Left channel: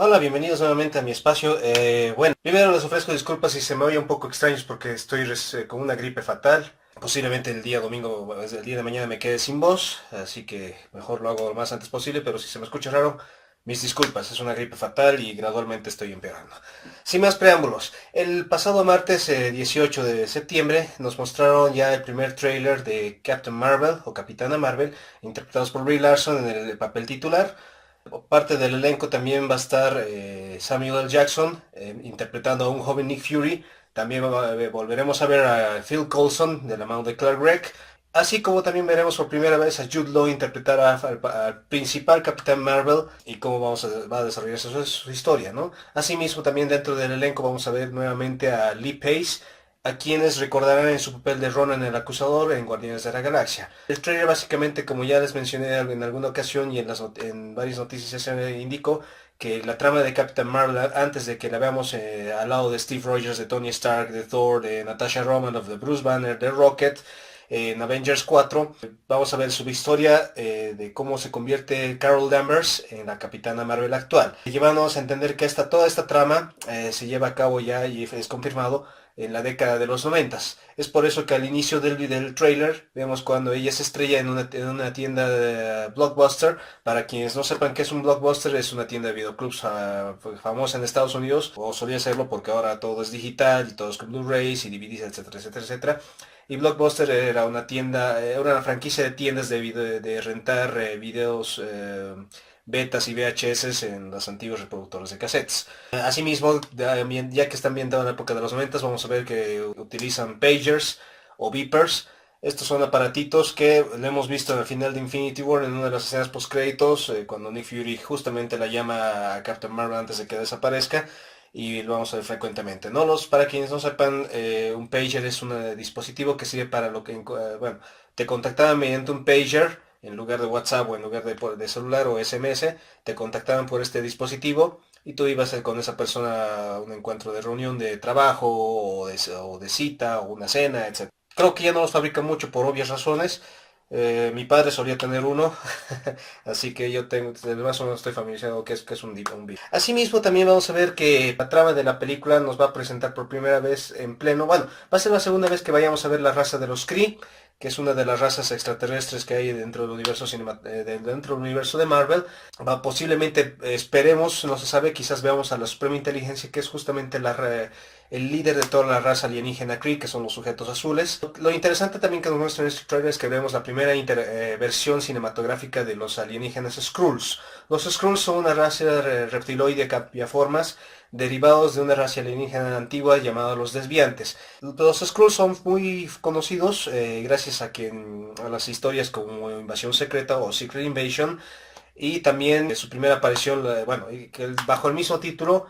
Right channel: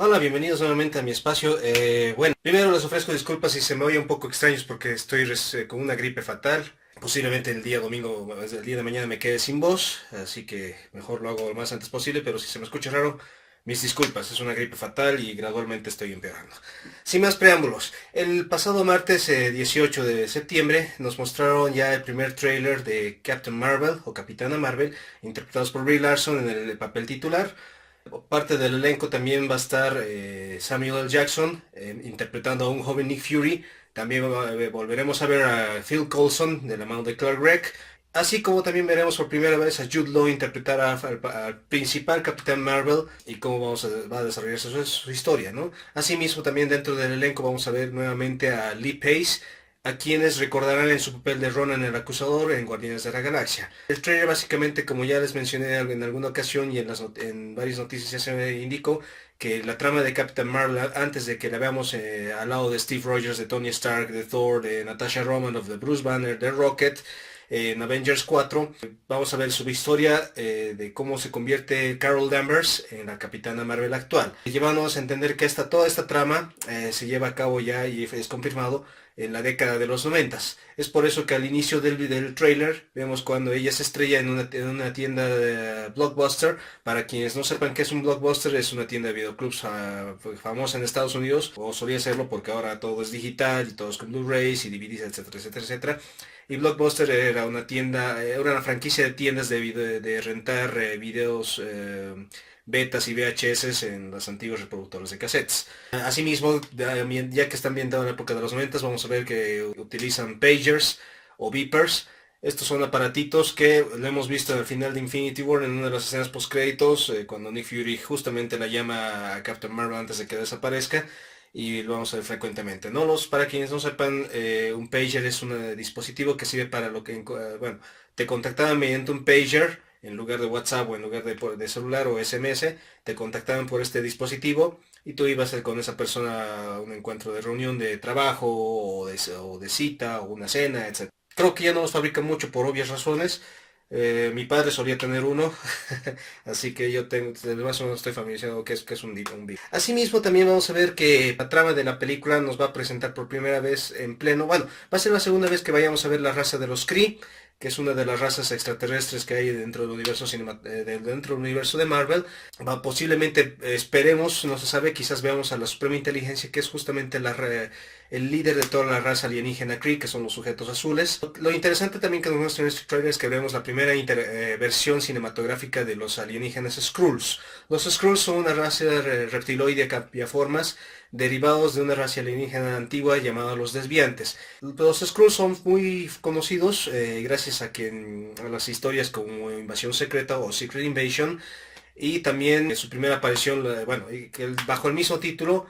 Hola, bienvenidos nuevamente a mi espacio. Bueno, primero les ofrezco disculpas si se me oye un poco extraños porque estoy con una gripe fatal. Posiblemente el día domingo, bueno, desde el día de mañana me quede sin voz, así que mejor lo hago lo más antes posible, pero si se me escucha raro, mis disculpas, es una gripe fatal y gradualmente estoy empeorando. Sin más preámbulos, el pasado martes 18 de septiembre nos mostraron ya el primer tráiler de Captain Marvel o Capitana Marvel, interpretados por Brie Larson en el papel titular. Parte del elenco también va a estar Samuel L. Jackson interpretando a un joven Nick Fury. También volveremos a ver a Phil Coulson de la mano de Clark Gregg. Así como también veremos por primera vez a Jude Law interpretar al principal Capitán Marvel y cómo va a desarrollarse su historia, ¿no? Asimismo, también dentro del elenco vamos a ver nuevamente a Lee Pace, a quienes recordarán en su papel de Ronan el Acusador en Guardianes de la Galaxia. El trailer básicamente, como ya les mencioné en alguna ocasión y en varias noticias ya se indicó, que la trama de Captain Marvel, antes de que la veamos al lado de Steve Rogers, de Tony Stark, de Thor, de Natasha Romanoff, de Bruce Banner, de Rocket, en Avengers 4, vamos a ver su historia de cómo se convierte Carol Danvers en la Capitana Marvel actual, llevándonos a entender que toda esta trama se lleva a cabo ya y es confirmado en la década de los 90. Es por eso que al inicio del trailer vemos cuando ella se estrella en una tienda de Blockbuster. Para quienes no sepan qué es un Blockbuster, es una tienda de videoclubs famosa en Estados Unidos, o solía serlo porque ahora todo es digital y todo es con Blu-rays y DVDs, etcétera, etcétera, etcétera. Y Blockbuster era una tienda, era una franquicia de tiendas de rentar videos, betas y VHS en los antiguos reproductores de cassettes. Asimismo, ya que están ambientados en la época de los 90, vamos a ver que utilizan pagers o beepers. Estos son aparatitos que lo hemos visto al final de Infinity War en una de las escenas post créditos, cuando Nick Fury justamente la llama a Captain Marvel antes de que desaparezca, y lo vamos a ver frecuentemente. Para quienes no sepan, un pager es un dispositivo que sirve para bueno, te contactaban mediante un pager en lugar de WhatsApp o en lugar de celular o SMS, te contactaban por este dispositivo y tú ibas con esa persona a un encuentro de reunión de trabajo o de cita o una cena, etc. Creo que ya no los fabrican mucho por obvias razones. Mi padre solía tener uno, así que yo tengo, más o menos estoy familiarizado que es un beat. Asimismo, también vamos a ver que la trama de la película nos va a presentar por primera vez en pleno, bueno, va a ser la segunda vez que vayamos a ver la raza de los Kree, que es una de las razas extraterrestres que hay dentro del universo dentro del universo de Marvel. Posiblemente, esperemos, no se sabe, quizás veamos a la Suprema Inteligencia, que es justamente el líder de toda la raza alienígena Kree, que son los sujetos azules. Lo interesante también que nos muestra en este trailer es que vemos la primera versión cinematográfica de los alienígenas Skrulls. Los Skrulls son una raza reptiloide cambiaformas derivados de una raza alienígena antigua llamada los desviantes. Los Skrulls son muy conocidos gracias a las historias como Invasión Secreta o Secret Invasion, y también su primera aparición, bueno, bajo el mismo título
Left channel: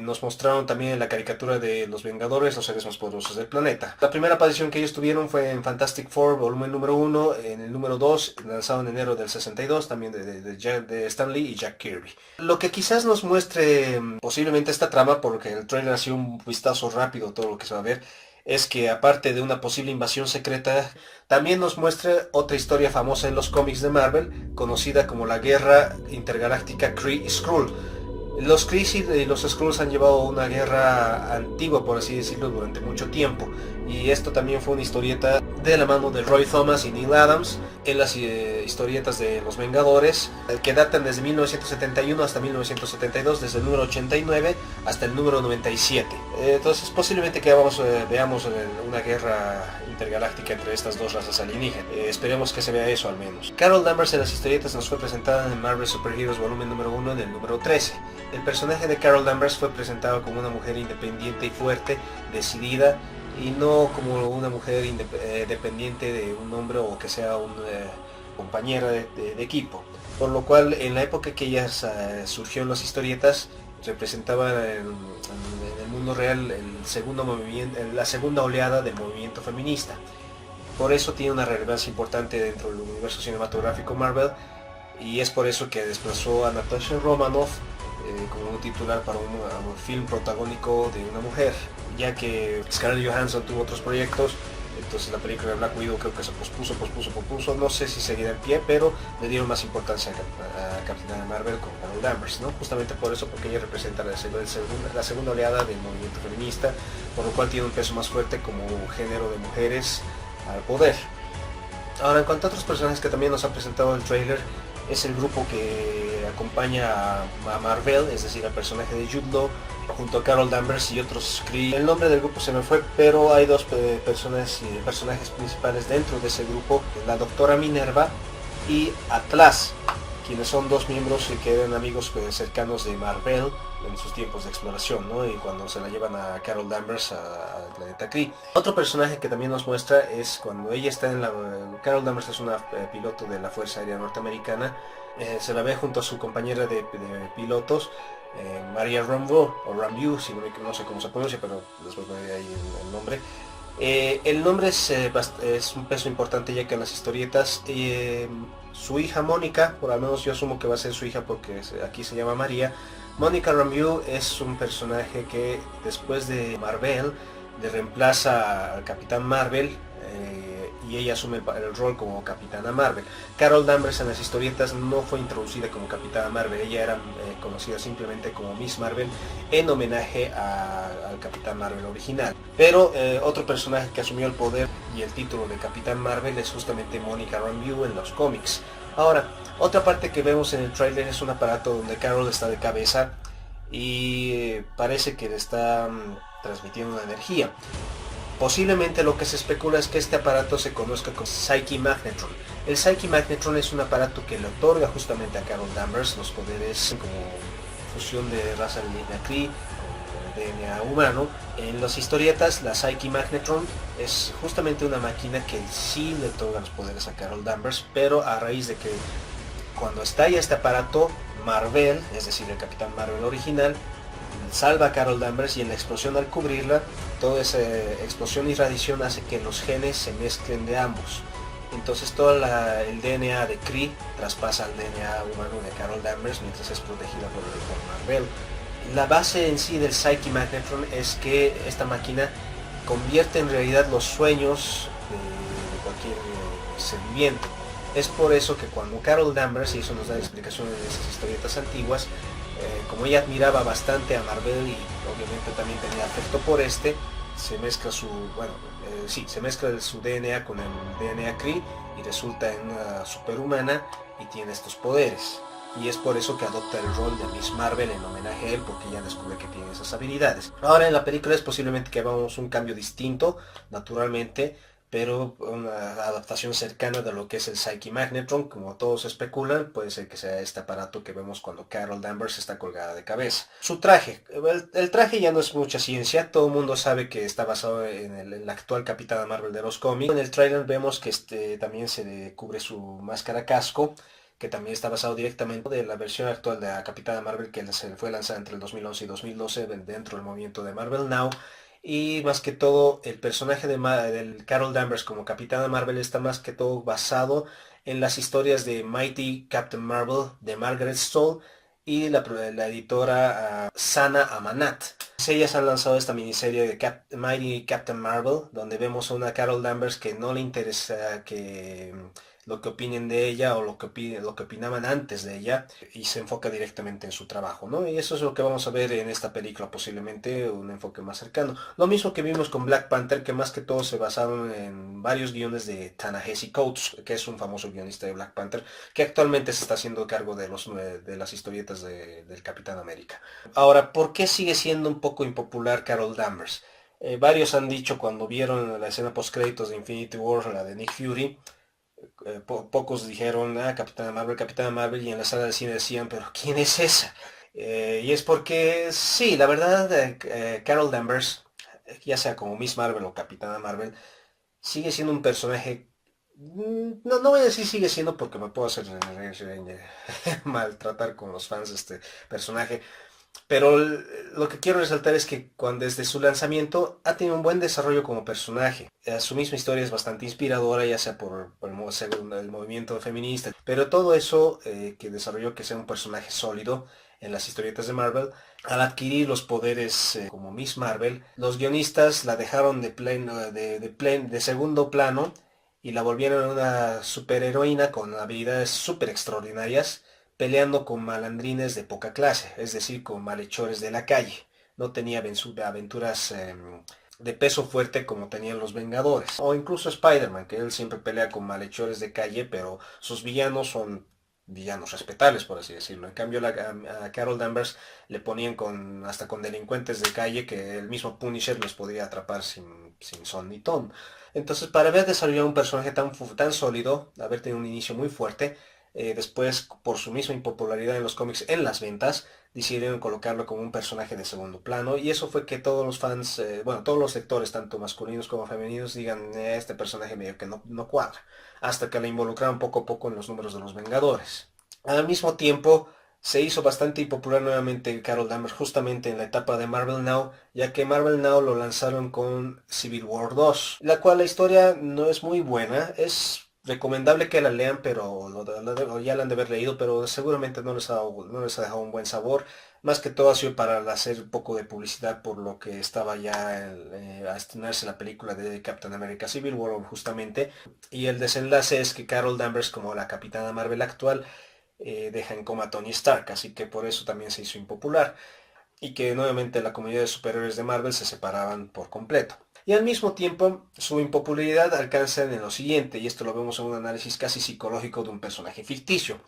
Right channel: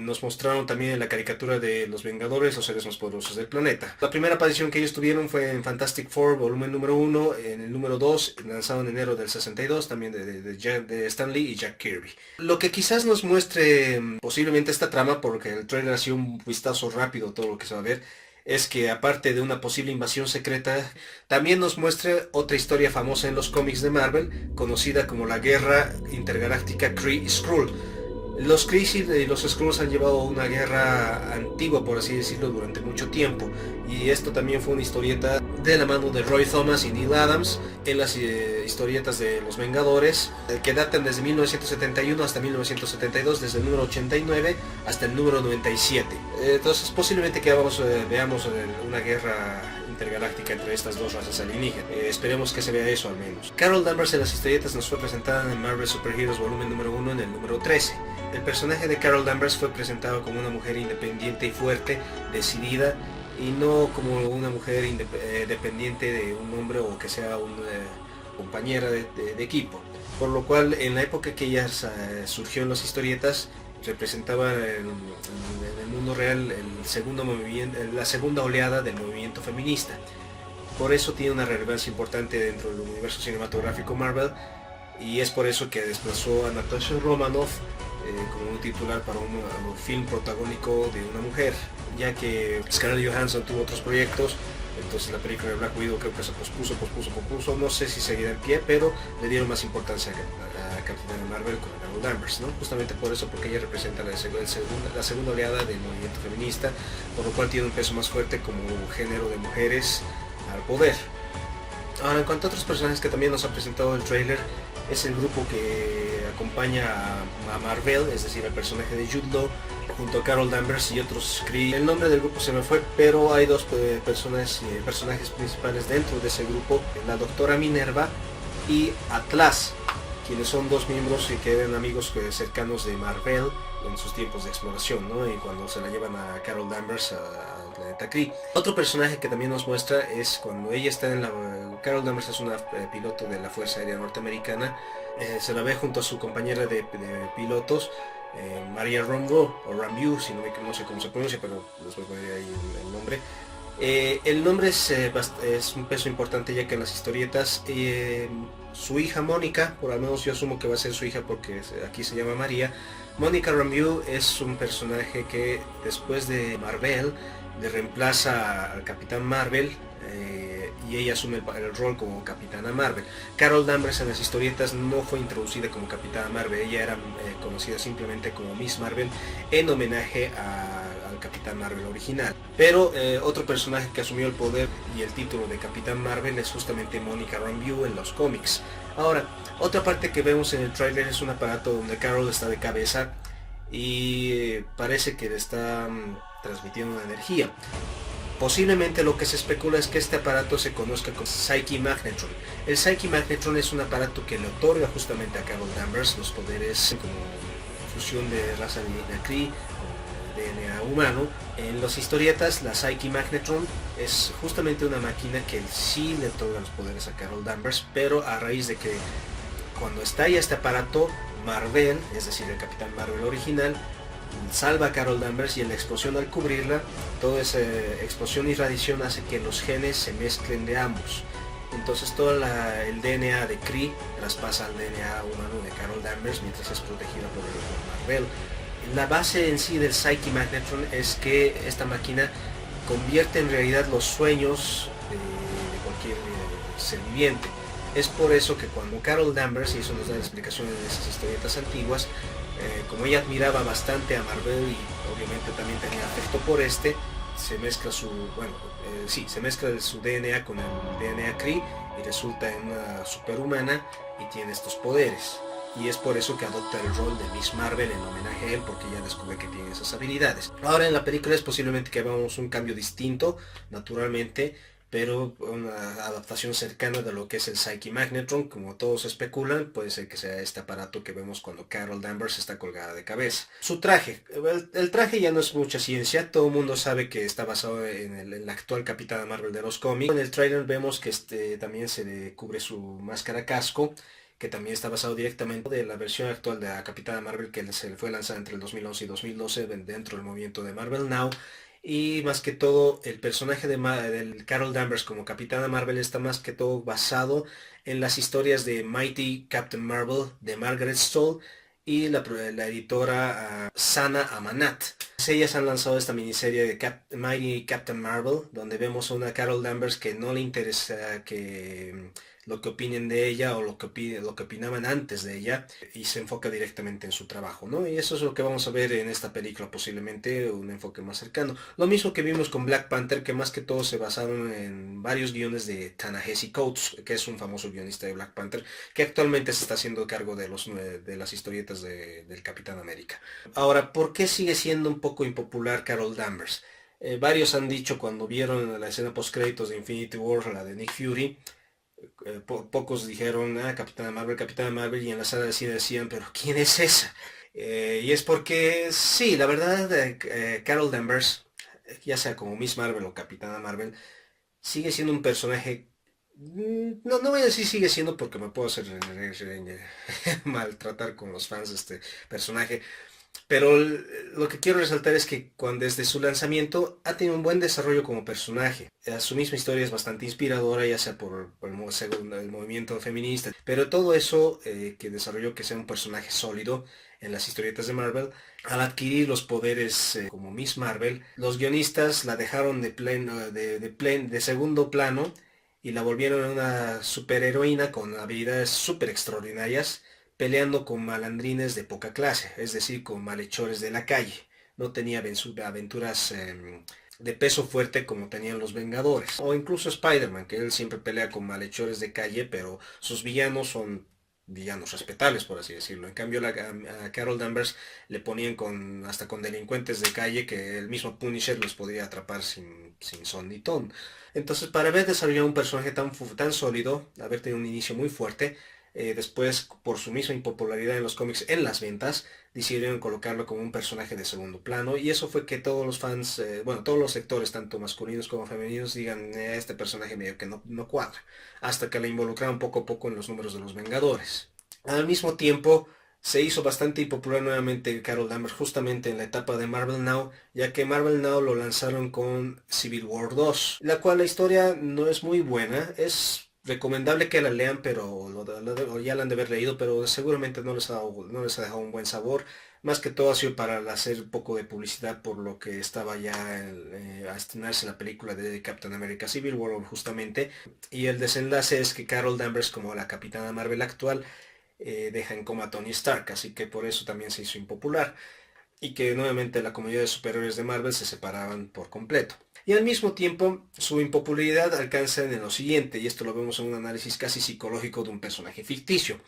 nos mostraron también en la caricatura de Los Vengadores, los seres más poderosos del planeta. La primera aparición que ellos tuvieron fue en Fantastic Four, volumen número 1, en el número 2, lanzado en enero del 62, también de Stan Lee y Jack Kirby. Lo que quizás nos muestre posiblemente esta trama, porque el trailer ha sido un vistazo rápido todo lo que se va a ver, es que aparte de una posible invasión secreta, también nos muestra otra historia famosa en los cómics de Marvel, conocida como la Guerra Intergaláctica Kree-Skrull. Los Kree y los Skrulls han llevado una guerra antigua, por así decirlo, durante mucho tiempo. Y esto también fue una historieta de la mano de Roy Thomas y Neil Adams en las historietas de Los Vengadores, que datan desde 1971 hasta 1972, desde el número 89 hasta el número 97. Entonces posiblemente que veamos una guerra intergaláctica entre estas dos razas alienígenas. Esperemos que se vea eso al menos. Carol Danvers en las historietas nos fue presentada en Marvel Super Heroes volumen número 1 en el número 13. El personaje de Carol Danvers fue presentado como una mujer independiente y fuerte, decidida, y no como una mujer dependiente de un hombre o que sea una compañera de equipo. Por lo cual, en la época que ella surgió en las historietas, representaba en el mundo real la segunda oleada del movimiento feminista. Por eso tiene una relevancia importante dentro del universo cinematográfico Marvel, y es por eso que desplazó a Natasha Romanoff como un titular para un film protagónico de una mujer, ya que Scarlett Johansson tuvo otros proyectos Entonces la película de Black Widow creo que se pospuso, no sé si seguirá en pie, pero le dieron más importancia a Capitana Marvel con Carol Danvers, ¿no? Justamente por eso, porque ella representa la segunda oleada del movimiento feminista, por lo cual tiene un peso más fuerte como género de mujeres al poder. Ahora, en cuanto a otros personajes que también nos ha presentado el trailer, es el grupo que acompaña a Marvel, es decir, al personaje de Jude Law, junto a Carol Danvers y otros Kree. El nombre del grupo se me fue, pero hay dos personajes principales dentro de ese grupo, la doctora Minerva y Atlas, quienes son dos miembros y que eran amigos cercanos de Marvel en sus tiempos de exploración, ¿no? Y cuando se la llevan a Carol Danvers al planeta Kree. Otro personaje que también nos muestra es cuando ella está en la... Carol Danvers es una piloto de la Fuerza Aérea Norteamericana, se la ve junto a su compañera de pilotos, Maria Rambeau, o Rambeau, si no sé cómo se pronuncia, pero les voy a poner ahí el nombre. El nombre es un peso importante, ya que en las historietas su hija Mónica, por lo menos yo asumo que va a ser su hija porque aquí se llama María. Mónica Rambeau es un personaje que después de Marvel le reemplaza al Capitán Marvel, y ella asume el rol como Capitana Marvel. Carol Danvers en las historietas no fue introducida como Capitana Marvel, ella era conocida simplemente como Miss Marvel en homenaje al Capitán Marvel original. Pero otro personaje que asumió el poder y el título de Capitán Marvel es justamente Mónica Rambeau en los cómics. Ahora, otra parte que vemos en el tráiler es un aparato donde Carol está de cabeza y parece que le está transmitiendo una energía. Posiblemente lo que se especula es que este aparato se conozca como Psyche Magnetron. El Psyche Magnetron es un aparato que le otorga justamente a Carol Danvers los poderes como fusión de raza alienígena Kree con DNA humano. En las historietas, la Psyche Magnetron es justamente una máquina que sí le otorga los poderes a Carol Danvers, pero a raíz de que cuando estalla este aparato, Marvel, es decir, el Capitán Marvel original, salva a Carol Danvers, y en la explosión, al cubrirla, toda esa explosión y radiación hace que los genes se mezclen de ambos. Entonces todo el DNA de Kree traspasa al DNA humano de Carol Danvers mientras es protegida por Marvel. La base en sí del Psyche Magnetron es que esta máquina convierte en realidad los sueños de cualquier ser viviente. Es por eso que cuando Carol Danvers, y eso nos da la explicación en esas historietas antiguas, como ella admiraba bastante a Marvel y obviamente también tenía afecto por se mezcla se mezcla su DNA con el DNA Kree y resulta en una superhumana y tiene estos poderes. Y es por eso que adopta el rol de Miss Marvel en homenaje a él, porque ya descubre que tiene esas habilidades. Ahora en la película es posiblemente que veamos un cambio distinto, naturalmente, pero una adaptación cercana de lo que es el Psyche Magnetron. Como todos especulan, puede ser que sea este aparato que vemos cuando Carol Danvers está colgada de cabeza. Su traje, el traje ya no es mucha ciencia, todo el mundo sabe que está basado en el actual Capitán Marvel de los cómics. En el trailer vemos que también se le cubre su máscara casco, que también está basado directamente de la versión actual de la Capitana Marvel que se fue lanzada entre el 2011 y 2012 dentro del movimiento de Marvel Now. Y más que todo, el personaje del Carol Danvers como Capitana Marvel está más que todo basado en las historias de Mighty Captain Marvel de Margaret Stoll y la editora Sana Amanat. Ellas han lanzado esta miniserie de Mighty Captain Marvel, donde vemos a una Carol Danvers que no le interesa que lo que opinen de ella o lo que opinaban antes de ella, y se enfoca directamente en su trabajo, ¿no? Y eso es lo que vamos a ver en esta película, posiblemente un enfoque más cercano. Lo mismo que vimos con Black Panther, que más que todo se basaron en varios guiones de Ta-Nehisi Coates, que es un famoso guionista de Black Panther, que actualmente se está haciendo cargo de las historietas del Capitán América. Ahora, ¿por qué sigue siendo un poco impopular Carol Danvers? Varios han dicho cuando vieron la escena post créditos de Infinity War, la de Nick Fury, pocos dijeron, Capitana Marvel, y en la sala de cine decían, pero ¿quién es esa? Y es porque, sí, la verdad, Carol Danvers, ya sea como Miss Marvel o Capitana Marvel, sigue siendo un personaje, no voy a decir sigue siendo porque me puedo hacer maltratar con los fans de este personaje, pero lo que quiero resaltar es que desde su lanzamiento ha tenido un buen desarrollo como personaje. Su misma historia es bastante inspiradora, ya sea por el movimiento feminista, pero todo eso que desarrolló que sea un personaje sólido en las historietas de Marvel. Al adquirir los poderes como Miss Marvel, los guionistas la dejaron de segundo plano y la volvieron una superheroína con habilidades súper extraordinarias, peleando con malandrines de poca clase, es decir, con malhechores de la calle. No tenía aventuras de peso fuerte como tenían los Vengadores. O incluso Spider-Man, que él siempre pelea con malhechores de calle, pero sus villanos son villanos respetables, por así decirlo. En cambio, a Carol Danvers le ponían hasta con delincuentes de calle que el mismo Punisher los podía atrapar sin son ni ton. Entonces, para haber desarrollado un personaje tan sólido, haber tenido un inicio muy fuerte, después, por su misma impopularidad en los cómics, en las ventas, decidieron colocarlo como un personaje de segundo plano, y eso fue que todos los fans, todos los sectores, tanto masculinos como femeninos, digan, este personaje medio que no cuadra, hasta que la involucraron poco a poco en los números de los Vengadores. Al mismo tiempo, se hizo bastante impopular nuevamente Carol Danvers justamente en la etapa de Marvel Now, ya que Marvel Now lo lanzaron con Civil War 2, la cual la historia no es muy buena, es recomendable que la lean, pero ya la han de haber leído, pero seguramente no les ha dejado un buen sabor. Más que todo ha sido para hacer un poco de publicidad por lo que estaba ya a estrenarse la película de Captain America Civil War justamente. Y el desenlace es que Carol Danvers, como la Capitana Marvel actual, deja en coma a Tony Stark, así que por eso también se hizo impopular. Y que nuevamente la comunidad de superhéroes de Marvel se separaban por completo. Y al mismo tiempo su impopularidad alcanza en lo siguiente, y esto lo vemos en un análisis casi psicológico de un personaje ficticio.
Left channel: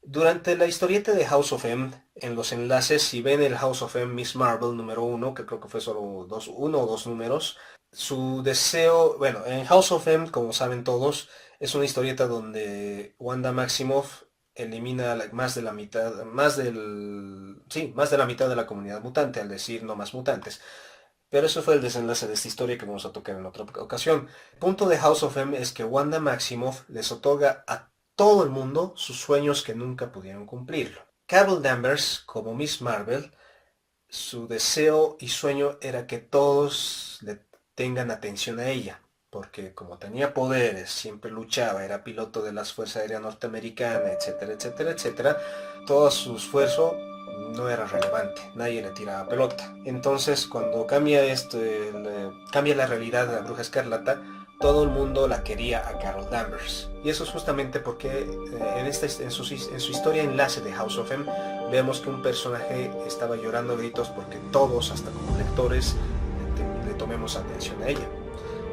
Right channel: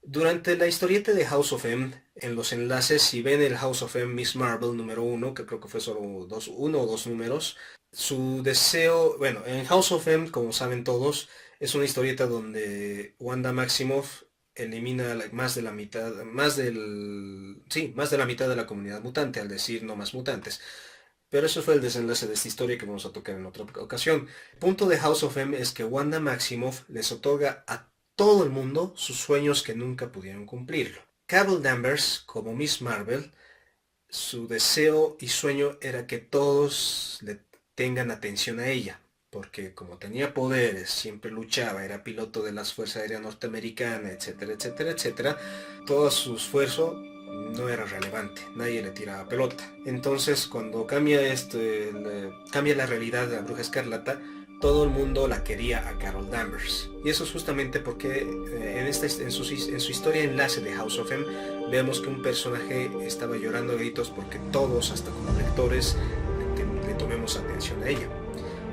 Durante la historieta de House of M, en los enlaces, si ven el House of M Miss Marvel número 1, que creo que fue solo uno o dos números, su deseo, en House of M, como saben todos, es una historieta donde Wanda Maximoff elimina más de la mitad de la comunidad mutante, al decir no más mutantes. Pero eso fue el desenlace de esta historia que vamos a tocar en otra ocasión. El punto de House of M es que Wanda Maximoff les otorga a todo el mundo sus sueños que nunca pudieron cumplirlo. Carol Danvers, como Miss Marvel, su deseo y sueño era que todos le tengan atención a ella, porque como tenía poderes, siempre luchaba, era piloto de las Fuerzas Aéreas Norteamericanas, etcétera, etcétera, etcétera, todo su esfuerzo no era relevante, nadie le tiraba pelota. Entonces, cuando cambia la realidad de la Bruja Escarlata, todo el mundo la quería a Carol Danvers. Y eso es justamente porque en su historia enlace de House of M, vemos que un personaje estaba llorando a gritos porque todos, hasta como lectores, le tomemos atención a ella.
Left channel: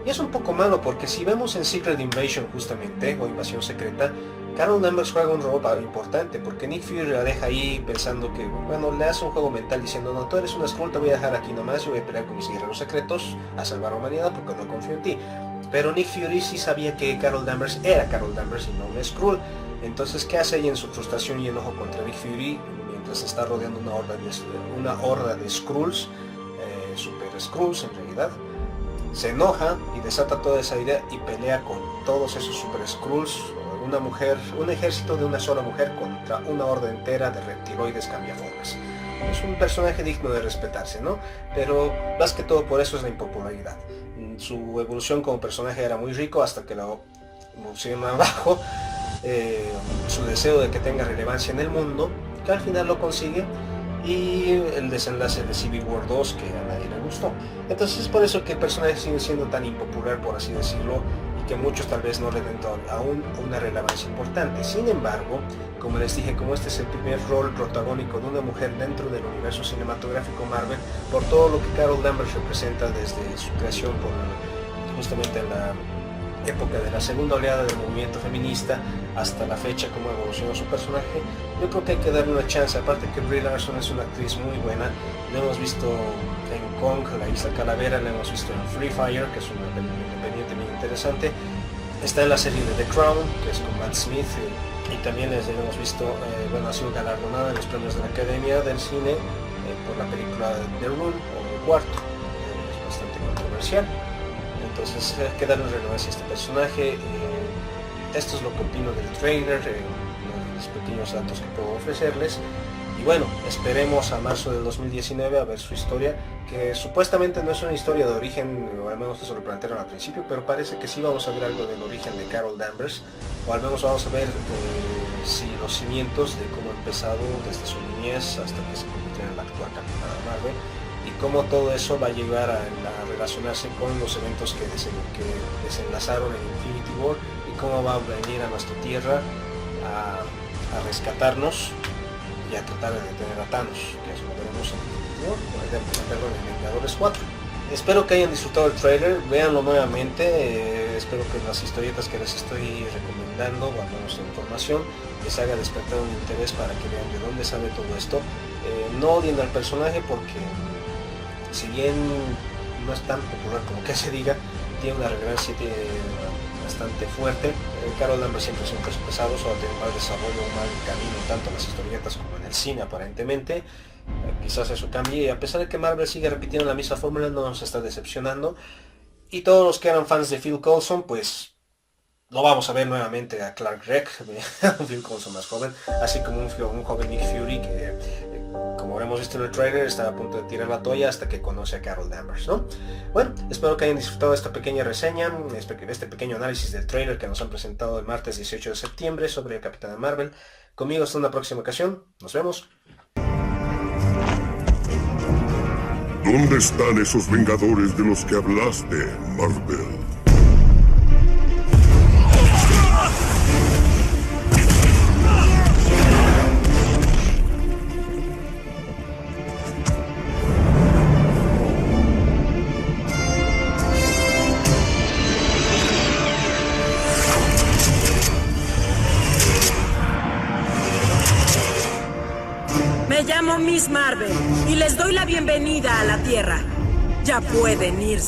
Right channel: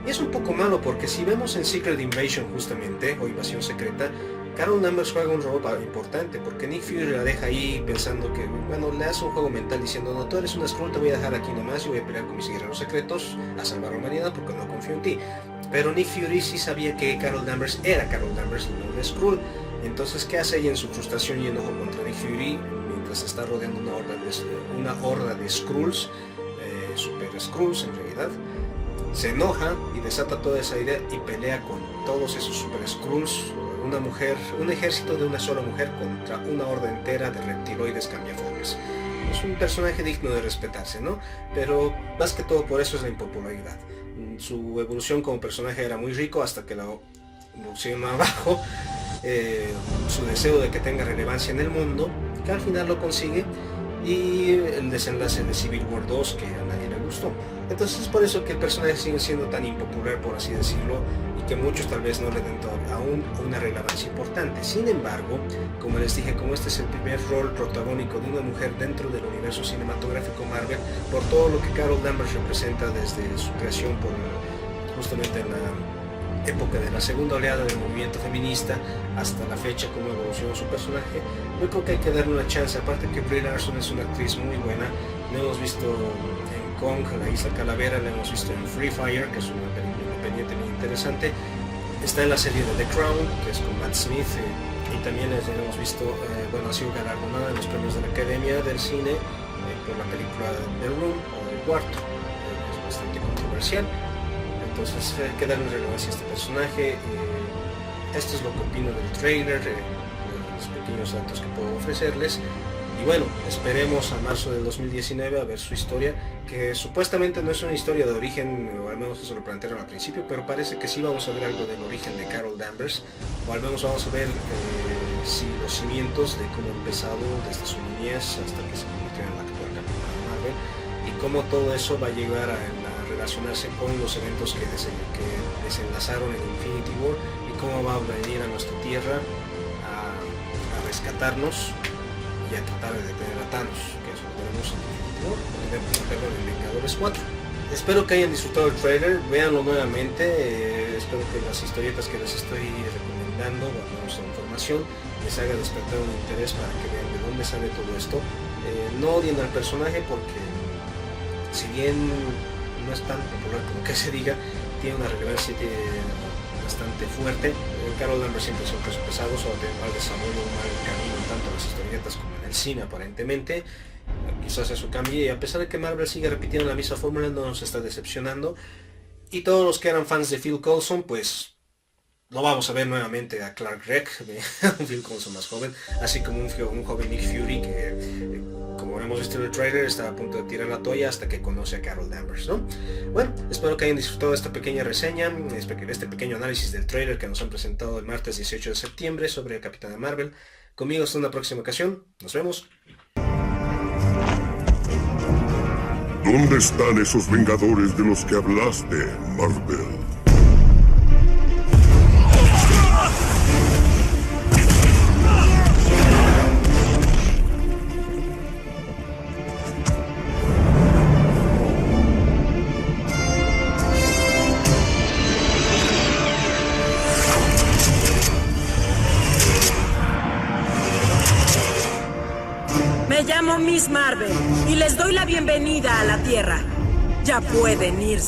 Y es un poco malo porque si vemos en Secret Invasion justamente, o Invasión Secreta, Carol Danvers juega un rol importante porque Nick Fury la deja ahí pensando que, le hace un juego mental diciendo, no, tú eres una Skrull, te voy a dejar aquí nomás, yo voy a pelear con mis guerreros secretos a salvar a la humanidad porque no confío en ti. Pero Nick Fury sí sabía que Carol Danvers era Carol Danvers y no una Skrull. Entonces, ¿qué hace ella en su frustración y enojo contra Nick Fury mientras está rodeando una horda de Skrulls, super Skrulls en realidad? Se enoja y desata toda esa idea y pelea con todos esos super Skrulls, un ejército de una sola mujer contra una horda entera de reptiloides cambiaformas. Es un personaje digno de respetarse, ¿no? Pero más que todo por eso es la impopularidad. Su evolución como personaje era muy rico hasta que la evolución abajo, su deseo de que tenga relevancia en el mundo, que al final lo consigue, y el desenlace de Civil War 2 que a nadie le gustó. Entonces es por eso que el personaje sigue siendo tan impopular, por así decirlo, y que muchos tal vez no le den aún una relevancia importante. Sin embargo, como les dije, como este es el primer rol protagónico de una mujer dentro del universo cinematográfico Marvel, por todo lo que Carol Danvers representa desde su creación justamente en la época de la segunda oleada del movimiento feminista hasta la fecha, cómo evolucionó su personaje, yo creo que hay que darle una chance. Aparte que Brie Larson es una actriz muy buena, la hemos visto en Kong, la Isla Calavera, la hemos visto en Free Fire, que es una película independiente muy interesante, está en la serie de The Crown, que es con Matt Smith, y también les hemos visto, ha sido galardonada en los premios de la Academia del Cine por la película The Room o El Cuarto, es bastante controversial. Entonces hay que darle relevancia a este personaje. Esto es lo que opino del trailer, los pequeños datos que puedo ofrecerles. Y bueno, esperemos a marzo del 2019 a ver su historia, que supuestamente no es una historia de origen, o al menos eso lo plantearon al principio, pero parece que sí vamos a ver algo del origen de Carol Danvers, o al menos vamos a ver si los cimientos de cómo ha empezado desde su niñez hasta que se convirtió en la actual Capitana Marvel, y cómo todo eso va a llegar a relacionarse con los eventos que desenlazaron en Infinity War, y cómo va a venir a nuestra tierra a rescatarnos y a tratar de detener a Thanos, que eso lo veremos en Infinity War, en Vengadores 4. Espero que hayan disfrutado el trailer, véanlo nuevamente, espero que las historietas que les estoy recomendando, o al menos la información, les haga despertar un interés para que vean de dónde sale todo esto. No odien al personaje porque, si bien no es tan popular como que se diga, tiene una relevancia bastante fuerte. Carol Danvers siempre es un peso pesado, solo tiene un mal desarrollo, un mal camino tanto en las historietas como en el cine aparentemente. Quizás eso cambie, y a pesar de que Marvel sigue repitiendo la misma fórmula, no nos está decepcionando. Y todos los que eran fans de Phil Coulson, pues lo vamos a ver nuevamente a Clark Gregg, un Phil Coulson más joven, así como un joven Nick Fury que, como hemos visto en el trailer, está a punto de tirar la toalla hasta que conoce a Carol Danvers, ¿no? Bueno, espero que hayan disfrutado de esta pequeña reseña, de este pequeño análisis del trailer que nos han presentado el martes 18 de septiembre sobre Capitana Marvel. Conmigo hasta una próxima ocasión, nos vemos. ¿Dónde están esos Vengadores de los que hablaste, Marvel? Me llamo Miss Marvel y les doy la bienvenida a la Tierra. Ya pueden irse.